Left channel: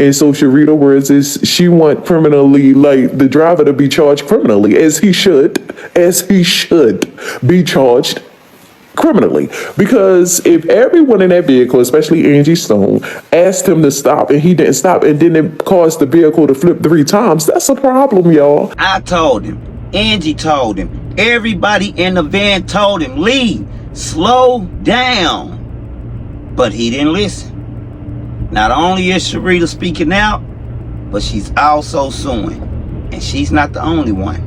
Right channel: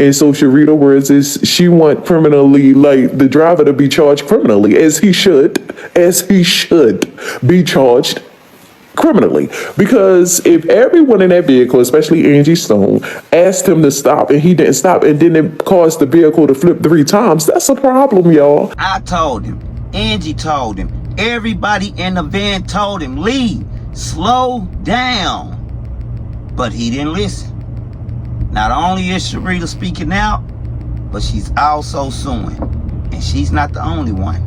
And so Sherita words is she want criminally, like the driver to be charged criminally, as he should be charged criminally. Because if everyone in that vehicle, especially Angie Stone, asked him to stop and he didn't stop and then it caused the vehicle to flip 3 times, that's a problem, y'all. I told him, Angie told him, everybody in the van told him, leave, slow down. But he didn't listen. Not only is Sherita speaking out, but she's also suing. And she's not the only one.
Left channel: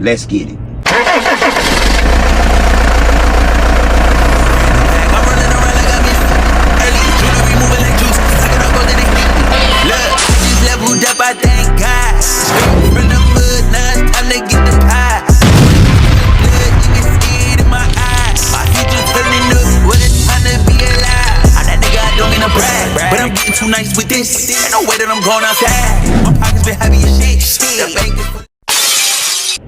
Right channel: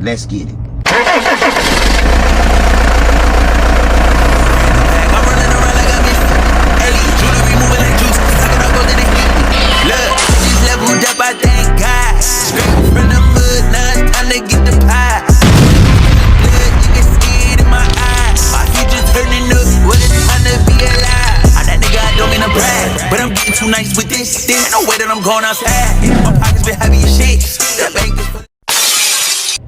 Let's get it. Look, she's leveled up, I thank God. Straight from the mud, now it's time to get the pie. Blood, you can see it in my eyes. My future turning up, what it's time to be alive. I'm that nigga, I don't mean to brag, but I'm getting too nice with this. Ain't no way that I'm going outside. My pockets been heavy as shit. The bank is...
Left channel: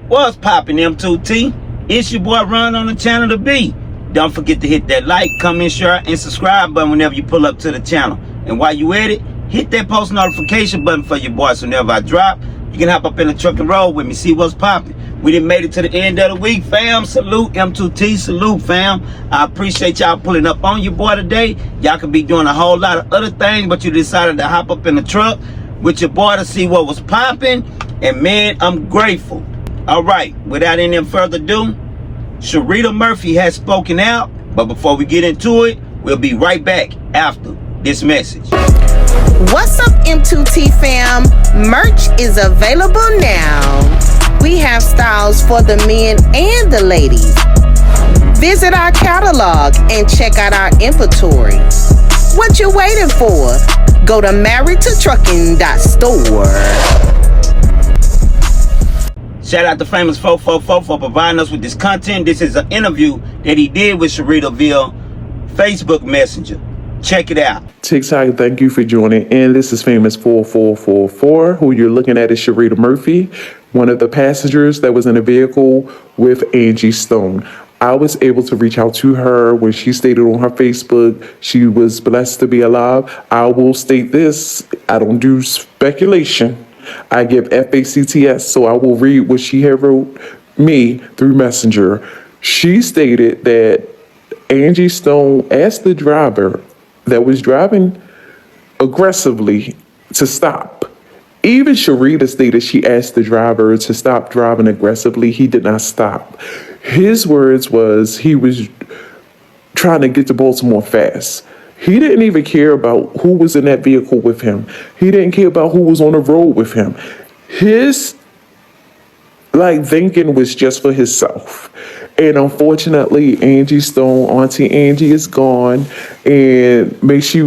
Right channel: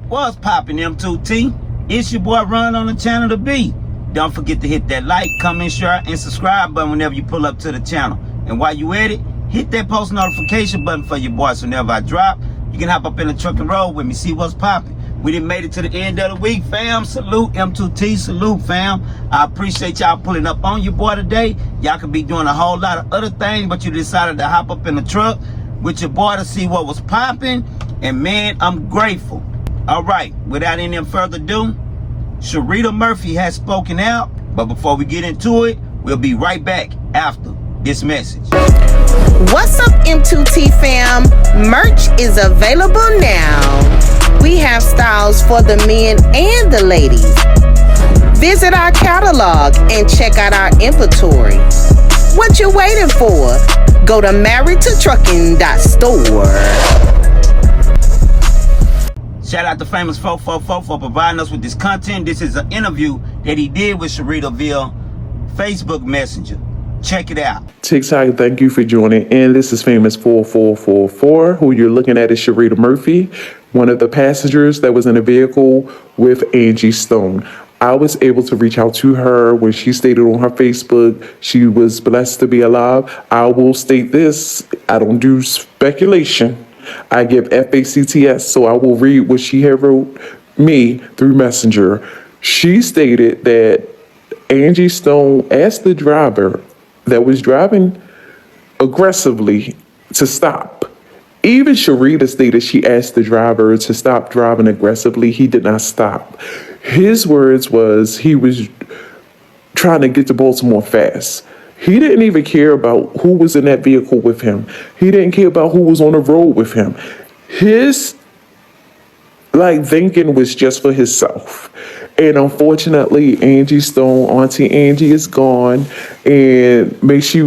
What's poppin', M2T? It's your boy Run on the channel to be. Don't forget to hit that like, comment, share, and subscribe button whenever you pull up to the channel. And while you at it, hit that post notification button for your boy so whenever I drop, you can hop up in the truck and roll with me, see what's popping. We done made it to the end of the week, fam. Salute, M2T, salute, fam. I appreciate y'all pulling up on your boy today. Y'all could be doing a whole lot of other things, but you decided to hop up in the truck with your boy to see what was popping. And man, I'm grateful. All right, without any further ado, Sherita Murphy has spoken out. But before we get into it, we'll be right back after this message. What's up, M2T fam? Merch is available now. We have styles for the men and the ladies. Visit our catalog and check out our inventory. What you waiting for? Go to marriedtotrucking.store. Shout out to Famous 444 for providing us with this content. This is an interview that he did with Sherita via Facebook Messenger. Check it out. TikTok, thank you for joining in. This is Famous 4444. Who you're looking at is Sherita Murphy, one of the passengers that was in a vehicle with Angie Stone. I was able to reach out to her when she stated on her Facebook she was blessed to be alive. I will state this, I don't do speculation. I give FACTS, so I will read what she had wrote me through Messenger. She stated that Angie Stone asked the driver that was driving aggressively to stop. Even Sherita stated she asked the driver to stop driving aggressively. He did not stop. His words was he was trying to get to Baltimore fast. He didn't even care about who was in that vehicle with him. He didn't care about who was on the road with him. His thinking was just for himself. And unfortunately, Angie Stone, Auntie Angie, is gone. And may she,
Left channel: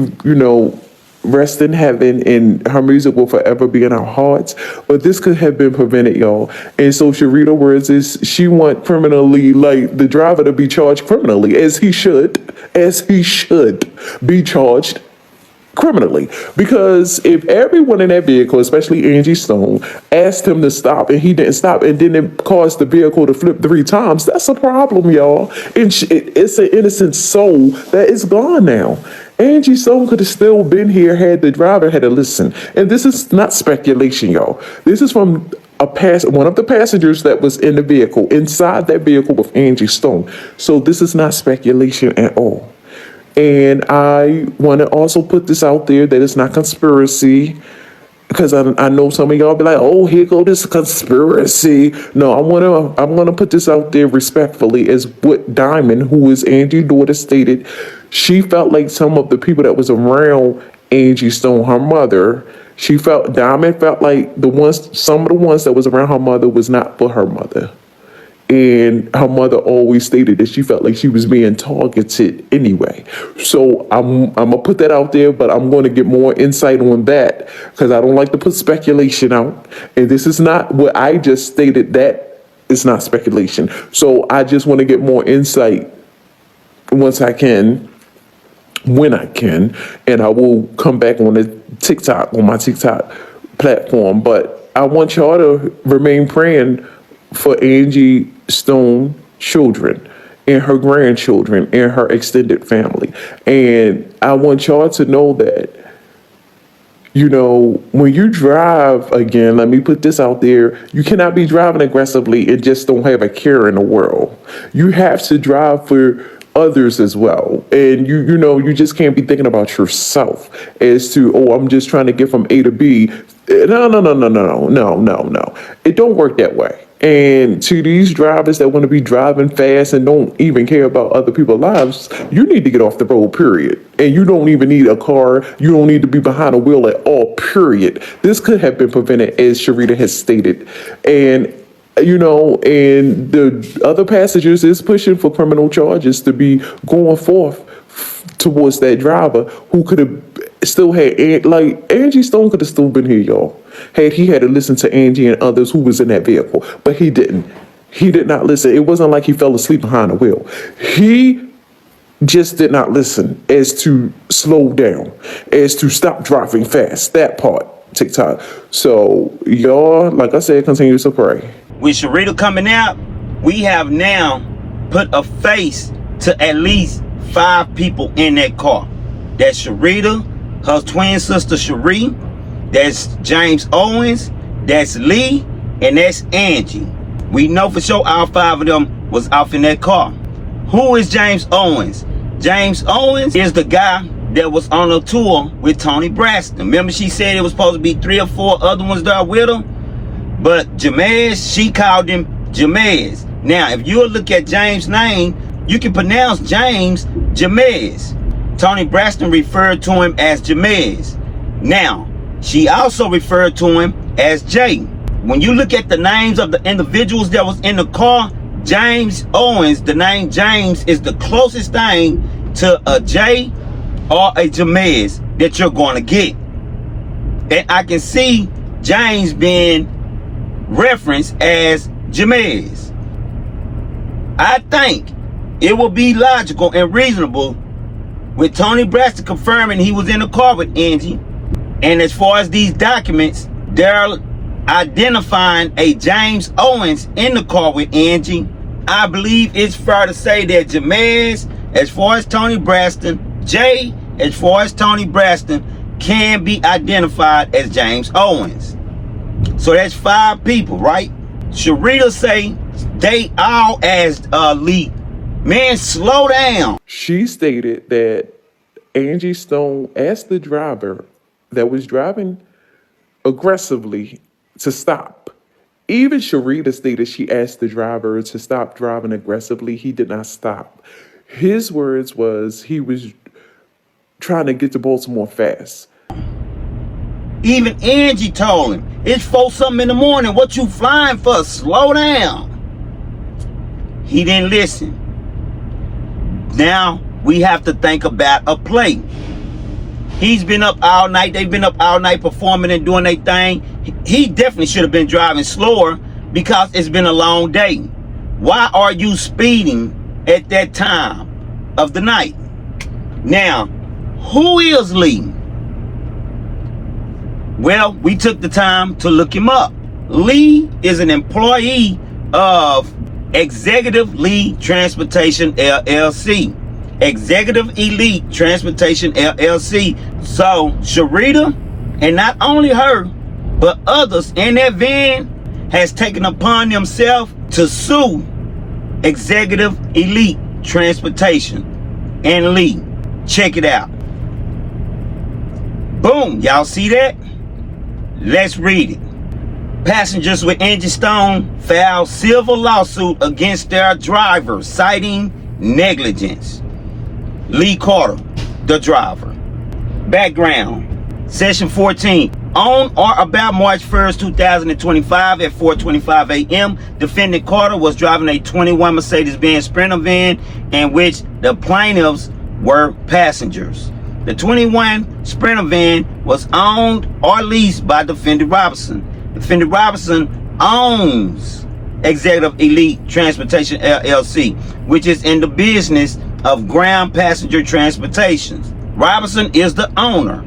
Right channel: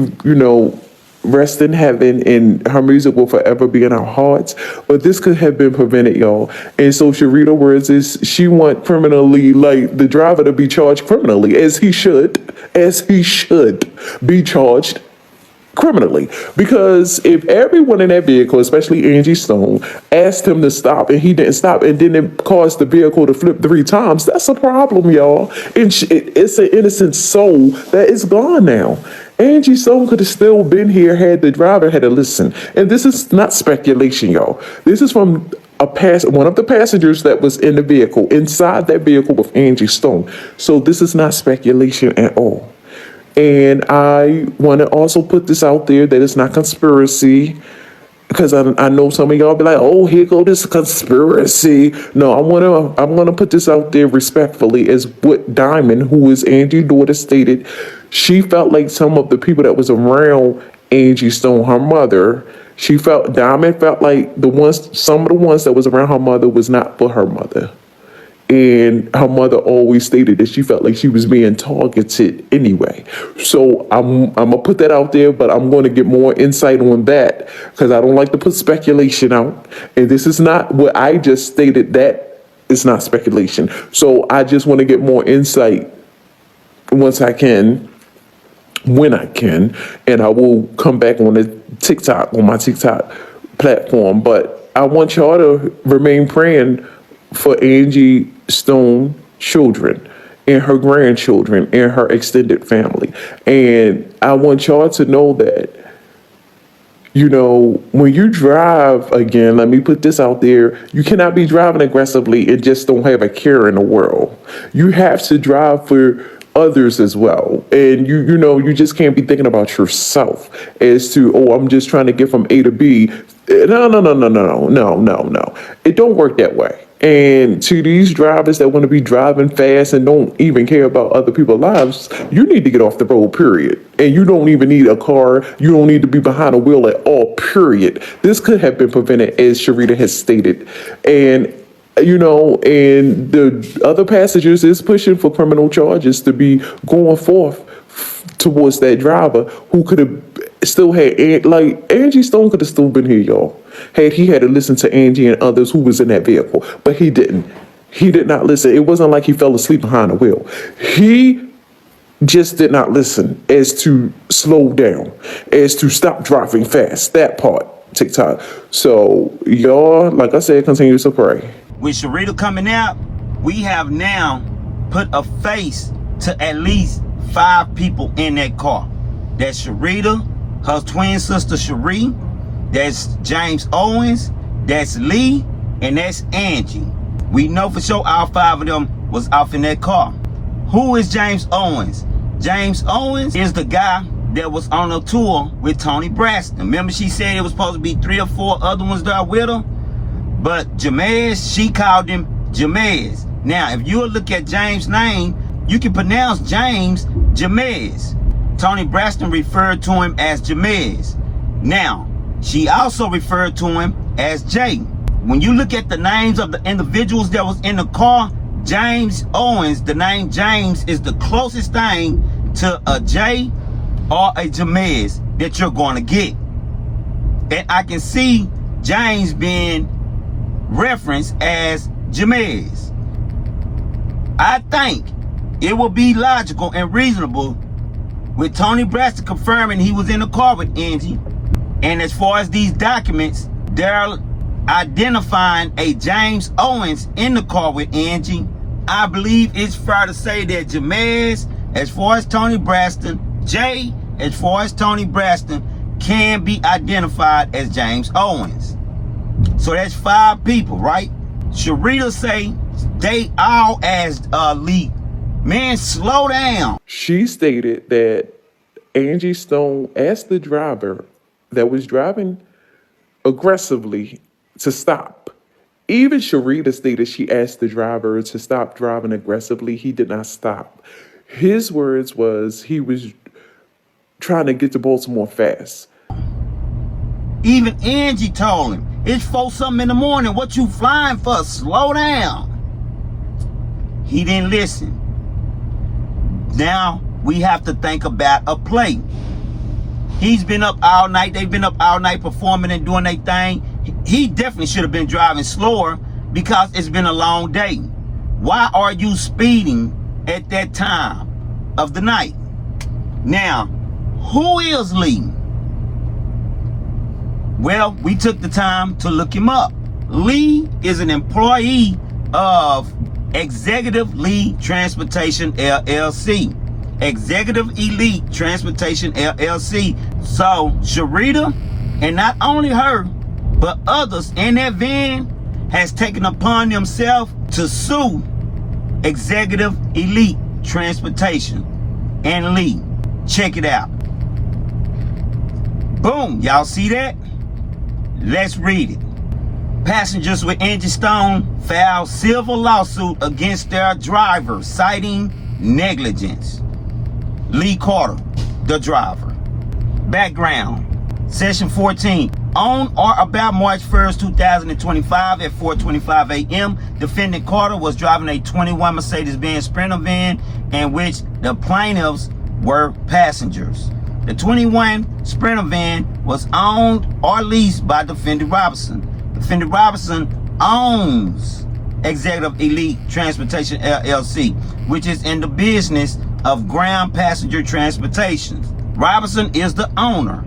rest in heaven, and her music will forever be in our hearts. But this could have been prevented, y'all. And so Sherita words is she want criminally, like the driver to be charged criminally, as he should be charged criminally. Because if everyone in that vehicle, especially Angie Stone, asked him to stop and he didn't stop and then it caused the vehicle to flip 3 times, that's a problem, y'all. And it's an innocent soul that is gone now. Angie Stone could have still been here had the driver had to listen. And this is not speculation, y'all. This is from one of the passengers that was in the vehicle, inside that vehicle with Angie Stone. So this is not speculation at all. And I want to also put this out there that it's not conspiracy, because I know some of y'all be like, oh, here go this conspiracy. No, I'm gonna put this out there respectfully, as what Diamond, who is Angie's daughter, stated. She felt like some of the people that was around Angie Stone, her mother, Diamond felt like some of the ones that was around her mother was not for her mother. And her mother always stated that she felt like she was being targeted anyway. So I'm going to put that out there, but I'm going to get more insight on that because I don't like to put speculation out. And this is not what I just stated. That is not speculation. So I just want to get more insight once I can, when I can, and I will come back on my TikTok platform. But I want y'all to remain praying for Angie Stone children and her grandchildren and her extended family. And I want y'all to know that You know, when you drive, again, let me put this out there, you cannot be driving aggressively and just don't have a care in the world. You have to drive for others as well. And you just can't be thinking about yourself as to, oh, I'm just trying to get from A to B. No. It don't work that way. And to these drivers that want to be driving fast and don't even care about other people's lives, you need to get off the road, period. And you don't even need a car. You don't need to be behind a wheel at all, period. This could have been prevented, as Sherita has stated. And and the other passengers is pushing for criminal charges to be going forth towards that driver who could have still had, like, Angie Stone could have still been here, y'all, had he had to listen to Angie and others who was in that vehicle. But he didn't. He did not listen. It wasn't like he fell asleep behind the wheel. He just did not listen as to slow down, as to stop driving fast. That part, TikTok. So, y'all, like I said, continue to pray. With Sherita coming out, we have now put a face to at least 5 people in that car. That's Sherita, her twin sister Cherie, that's James Owens, that's Lee, and that's Angie. We know for sure all 5 of them was off in that car. Who is James Owens? James Owens is the guy that was on a tour with Tony Braxton. Remember, she said it was supposed to be 3 or 4 other ones there with her? But Jamez, she called him Jamez. Now, if you look at James' name, you can pronounce James Jamez. Tony Braxton referred to him as Jamez. Now, she also referred to him as Jay. When you look at the names of the individuals that was in the car, James Owens, the name James is the closest thing to a Jay or a Jamez that you're going to get. And I can see James being referenced as Jamez. I think it will be logical and reasonable with Tony Braxton confirming he was in the car with Angie. And as far as these documents, they're identifying a James Owens in the car with Angie. I believe it's fair to say that Jamez, as far as Tony Braxton, Jay, as far as Tony Braxton, can be identified as James Owens. So that's 5 people, right? Sherita say they all as Lee. Man, slow down. She stated that Angie Stone asked the driver that was driving aggressively to stop. Even Sherita stated she asked the driver to stop driving aggressively. He did not stop. His words was he was trying to get to Baltimore fast. Even Angie told him, it's 4-something in the morning. What you flying for? Slow down. He didn't listen. Now we have to think about a play. He's been up all night. They've been up all night performing and doing their thing. He definitely should have been driving slower because it's been a long day. Why are you speeding at that time of the night? Now, who is Lee? Well, we took the time to look him up. Lee is an employee of Executive Lee Transportation LLC. Executive Elite Transportation LLC. So Sherita, and not only her, but others in that van, has taken upon themselves to sue Executive Elite Transportation and Lee. Check it out. Boom, y'all see that? Let's read it. Passengers with Angie Stone filed civil lawsuit against their driver citing negligence. Lee Carter, the driver. Background. Session 14. On or about March 1st, 2025 at 4:25 a.m., defendant Carter was driving a 21 Mercedes-Benz Sprinter van in which the plaintiffs were passengers. The 21 Sprinter van was owned or leased by Defendant Robinson. Defendant Robinson owns Executive Elite Transportation LLC, which is in the business of ground passenger transportation. Robinson is the owner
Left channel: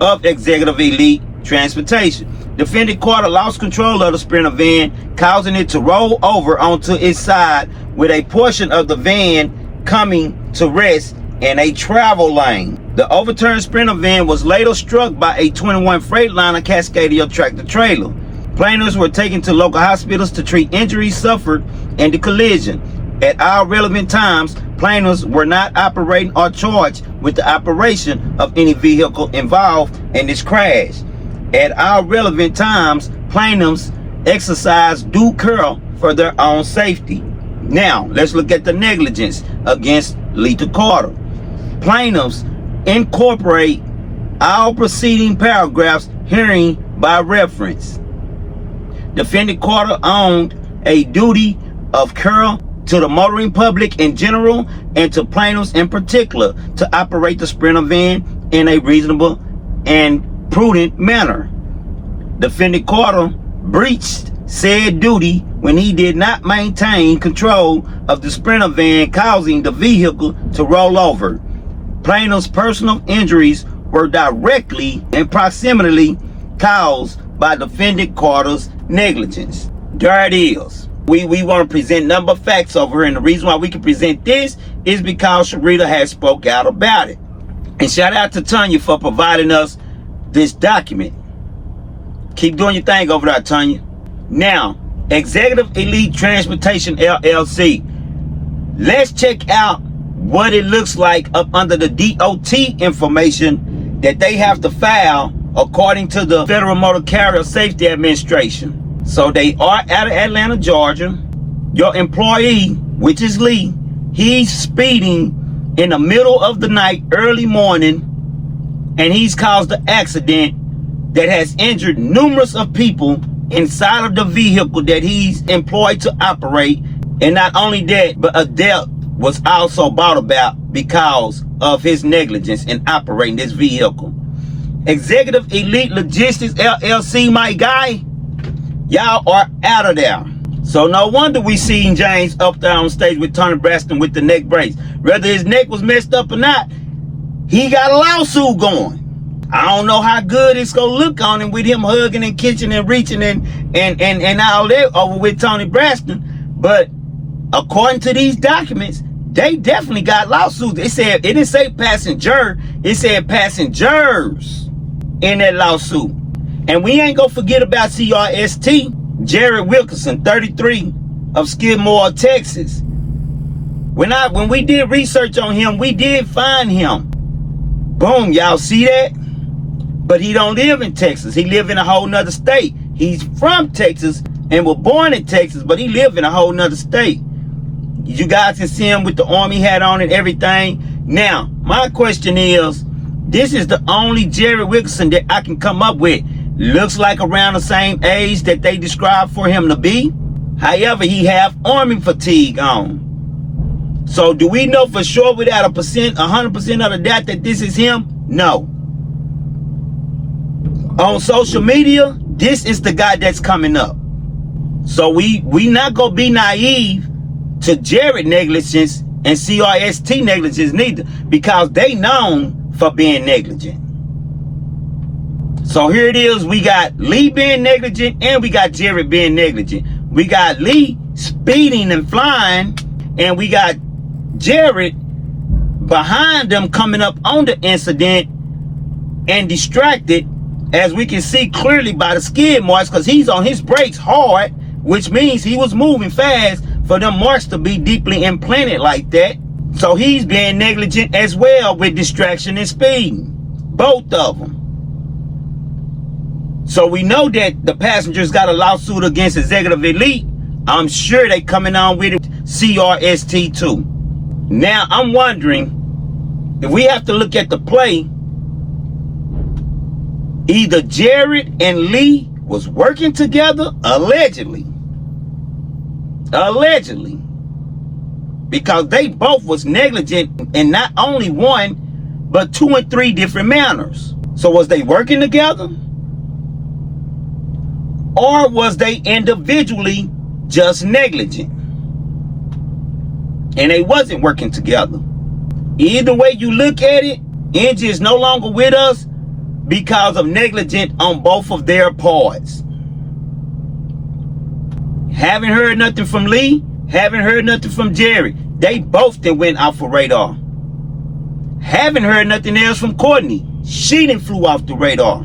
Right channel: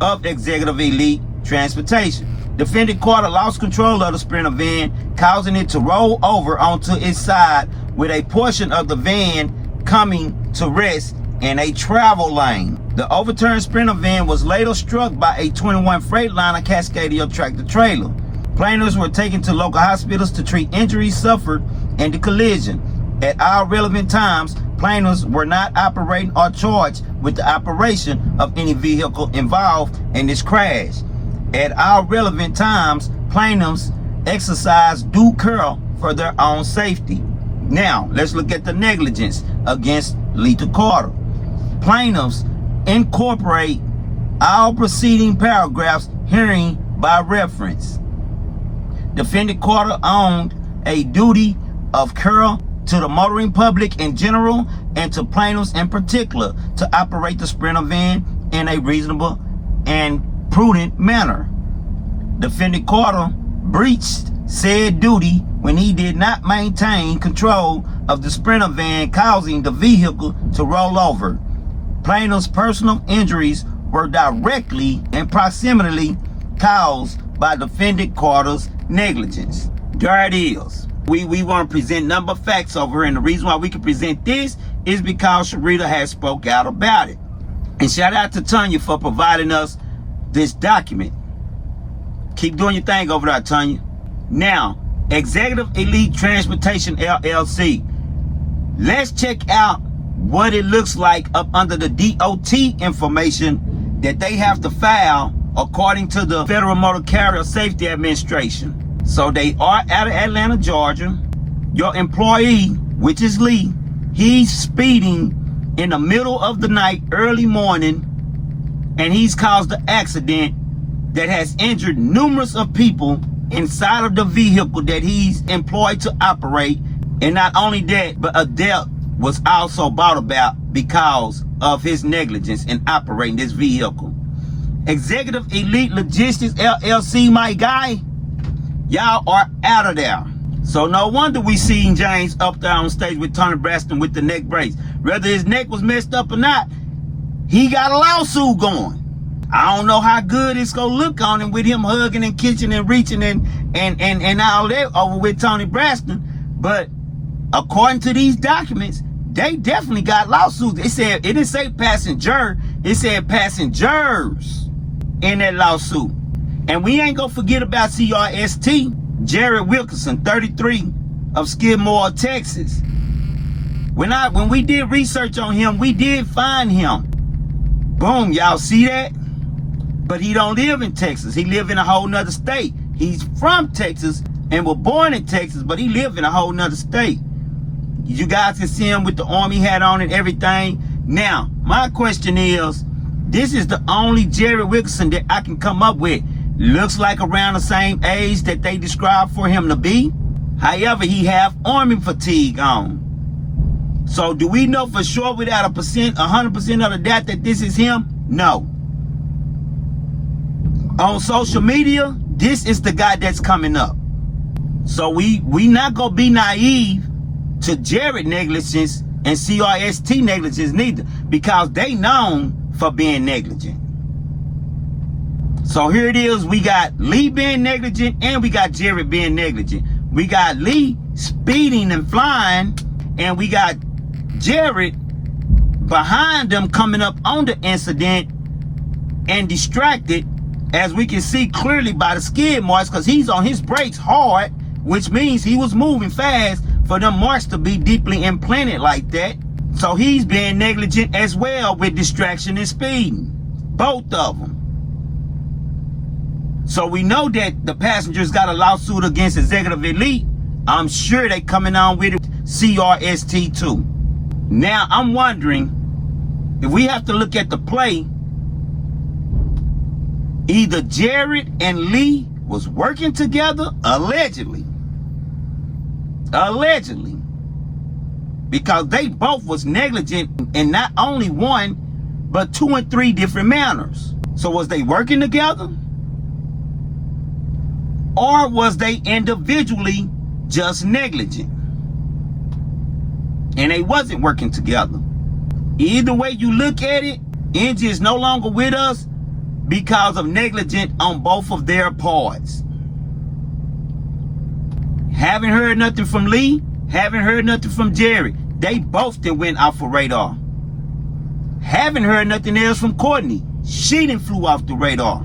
of Executive Elite Transportation. Defendant Carter lost control of the Sprinter van, causing it to roll over onto its side with a portion of the van coming to rest in a travel lane. The overturned Sprinter van was later struck by a 21 Freightliner Cascadia tractor trailer. Plaintiffs were taken to local hospitals to treat injuries suffered in the collision. At all relevant times, plaintiffs were not operating or charged with the operation of any vehicle involved in this crash. At all relevant times, plaintiffs exercised due care for their own safety. Now, let's look at the negligence against Lita Carter. Plaintiffs incorporate all preceding paragraphs herein by reference. Defendant Carter owned a duty of care to the motoring public in general and to plaintiffs in particular to operate the Sprinter van in a reasonable and prudent manner. Defendant Carter breached said duty when he did not maintain control of the Sprinter van, causing the vehicle to roll over. Plaintiff's personal injuries were directly and proximately caused by defendant Carter's negligence. There it is. We want to present number of facts over here, and the reason why we can present this is because Sherita has spoke out about it. And shout out to Tanya for providing us this document. Keep doing your thing over there, Tanya. Now, Executive Elite Transportation LLC. Let's check out what it looks like up under the DOT information that they have to file according to the Federal Motor Carrier Safety Administration. So they are out of Atlanta, Georgia. Your employee, which is Lee, he's speeding in the middle of the night, early morning, and he's caused an accident that has injured numerous of people inside of the vehicle that he's employed to operate. And not only that, but a death was also brought about because of his negligence in operating this vehicle. Executive Elite Logistics LLC, my guy, y'all are out of there. So no wonder we seen James up there on stage with Tony Braxton with the neck brace. Whether his neck was messed up or not, he got a lawsuit going. I don't know how good it's gonna look on him with him hugging and kissing and reaching and all that over with Tony Braxton. But according to these documents, they definitely got lawsuits. It didn't say passenger, it said passengers in that lawsuit. And we ain't gonna forget about CRST, Jared Wilkerson, 33, of Skidmore, Texas. When we did research on him, we did find him. Boom, y'all see that? But he don't live in Texas. He live in a whole nother state. He's from Texas and was born in Texas, but he live in a whole nother state. You guys can see him with the army hat on and everything. Now, my question is, this is the only Jared Wilkerson that I can come up with. Looks like around the same age that they described for him to be. However, he have army fatigue on. So do we know for sure without 100% of the doubt that this is him? No. On social media, this is the guy that's coming up. So we not gonna be naive to Jared negligence and CRST negligence neither, because they known for being negligent. So here it is, we got Lee being negligent and we got Jared being negligent. We got Lee speeding and flying, and we got Jared behind them coming up on the incident and distracted, as we can see clearly by the skid marks, because he's on his brakes hard, which means he was moving fast for them marks to be deeply implanted like that. So he's being negligent as well with distraction and speeding, both of them. So we know that the passengers got a lawsuit against Executive Elite. I'm sure they coming on with it, CRST too. Now I'm wondering if we have to look at the play. Either Jared and Lee was working together, allegedly, because they both was negligent in not only one, but 2 and 3 different manners. So was they working together? Or was they individually just negligent and they wasn't working together? Either way you look at it, Angie is no longer with us because of negligence on both of their parts. Haven't heard nothing from Lee, haven't heard nothing from Jerry. They both then went off of radar. Haven't heard nothing else from Courtney. She done flew off the radar.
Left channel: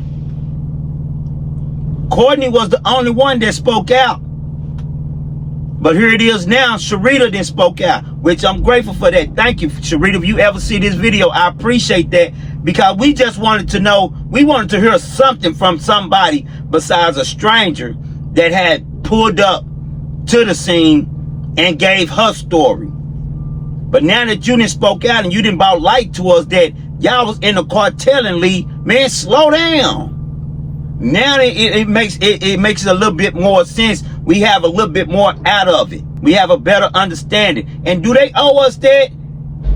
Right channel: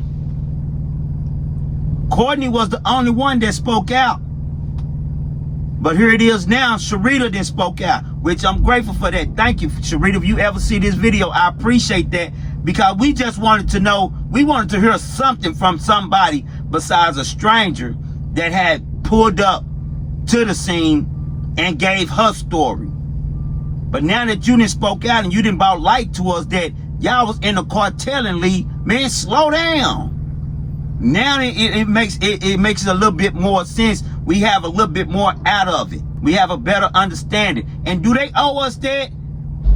Courtney was the only one that spoke out. But here it is now, Sherita then spoke out, which I'm grateful for that. Thank you, Sherita. If you ever see this video, I appreciate that, because we just wanted to know, we wanted to hear something from somebody besides a stranger that had pulled up to the scene and gave her story. But now that you done spoke out and you done brought light to us that y'all was in the cartelling league, man, slow down. Now it makes a little bit more sense. We have a little bit more out of it. We have a better understanding. And do they owe us that?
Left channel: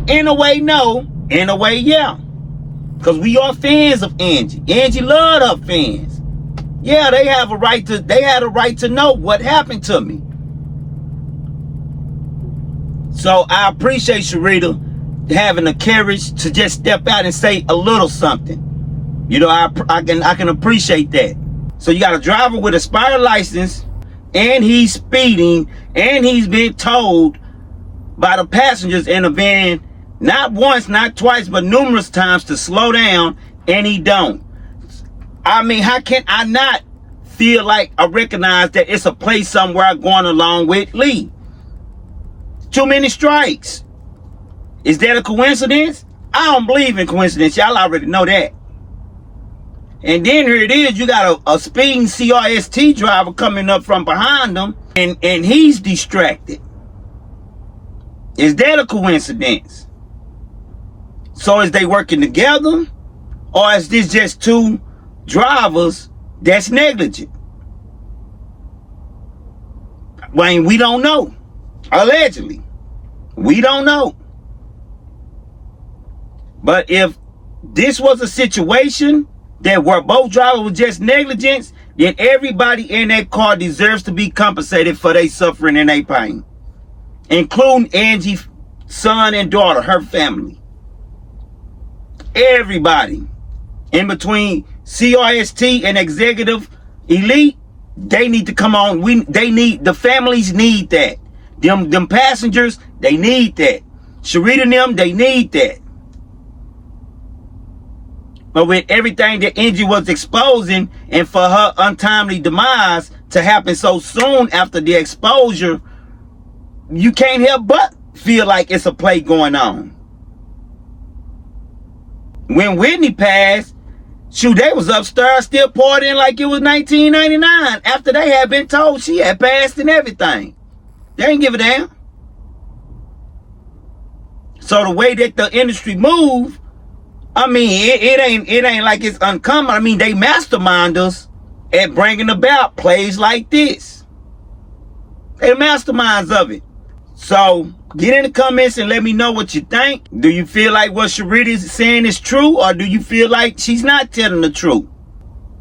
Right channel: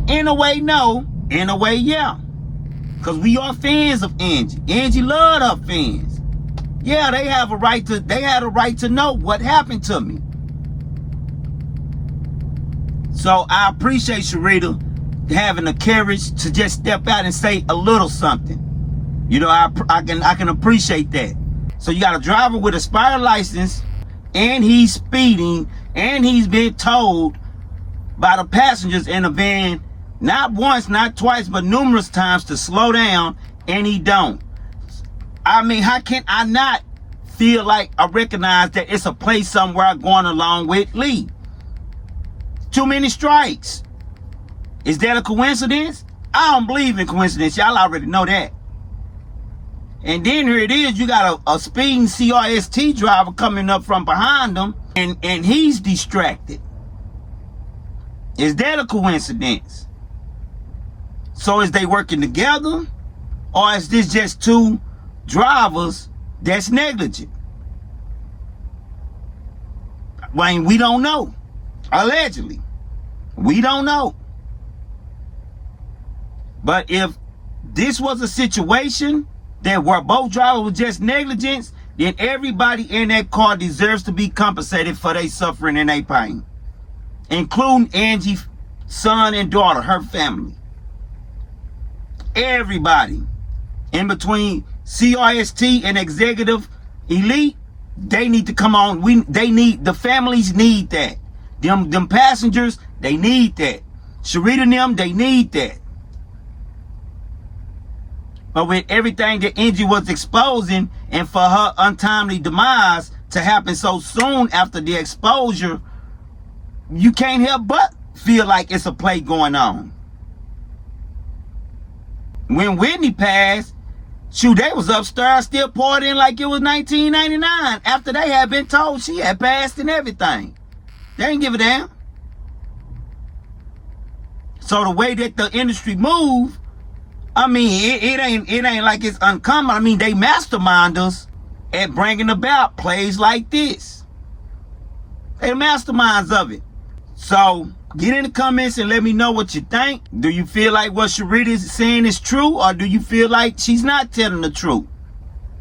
In a way, no. In a way, yeah. Because we are fans of Angie. Angie loved her fans. Yeah, they had a right to know what happened to me. So I appreciate Sherita having the courage to just step out and say a little something. You know, I can appreciate that. So you got a driver with a expired license, and he's speeding, and he's been told by the passengers in the van, not once, not twice, but numerous times, to slow down, and he don't. I mean, how can I not feel like I recognize that it's a place somewhere going along with Lee? Too many strikes. Is that a coincidence? I don't believe in coincidence. Y'all already know that. And then here it is, you got a speeding CRST driver coming up from behind them, and he's distracted. Is that a coincidence? So is they working together? Or is this just two drivers that's negligent? I mean, we don't know. Allegedly. We don't know. But if this was a situation that where both drivers were just negligence, then everybody in that car deserves to be compensated for their suffering and their pain, including Angie's son and daughter, her family. Everybody in between CRST and executive elite, they need to come on. The families need that. Them passengers, they need that. Sherita and them, they need that. But with everything that Angie was exposing, and for her untimely demise to happen so soon after the exposure, you can't help but feel like it's a play going on. When Whitney passed, shoot, they was upstairs still partying like it was 1999 after they had been told she had passed and everything. They didn't give a damn. So the way that the industry moved, I mean, it ain't like it's uncommon. I mean, they masterminders at bringing about plays like this. They masterminds of it. So get in the comments and let me know what you think. Do you feel like what Sherita is saying is true, or do you feel like she's not telling the truth?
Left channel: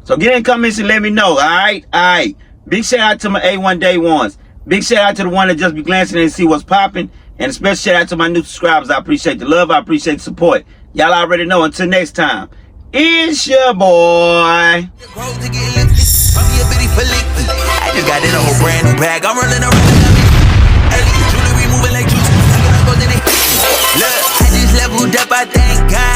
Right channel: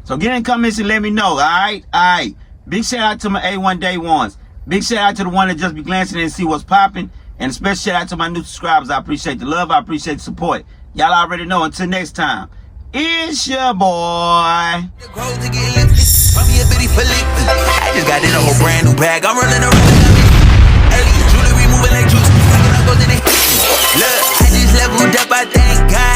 So get in the comments and let me know. All right. Big shout out to my A1 Day Ones. Big shout out to the one that just be glancing and see what's popping. And a special shout out to my new subscribers. I appreciate the love. I appreciate the support. Y'all already know. Until next time, it's your boy. I just got in a whole brand new bag. I'm running around. Jewelry moving like juice. Look, I just leveled up. I thank God.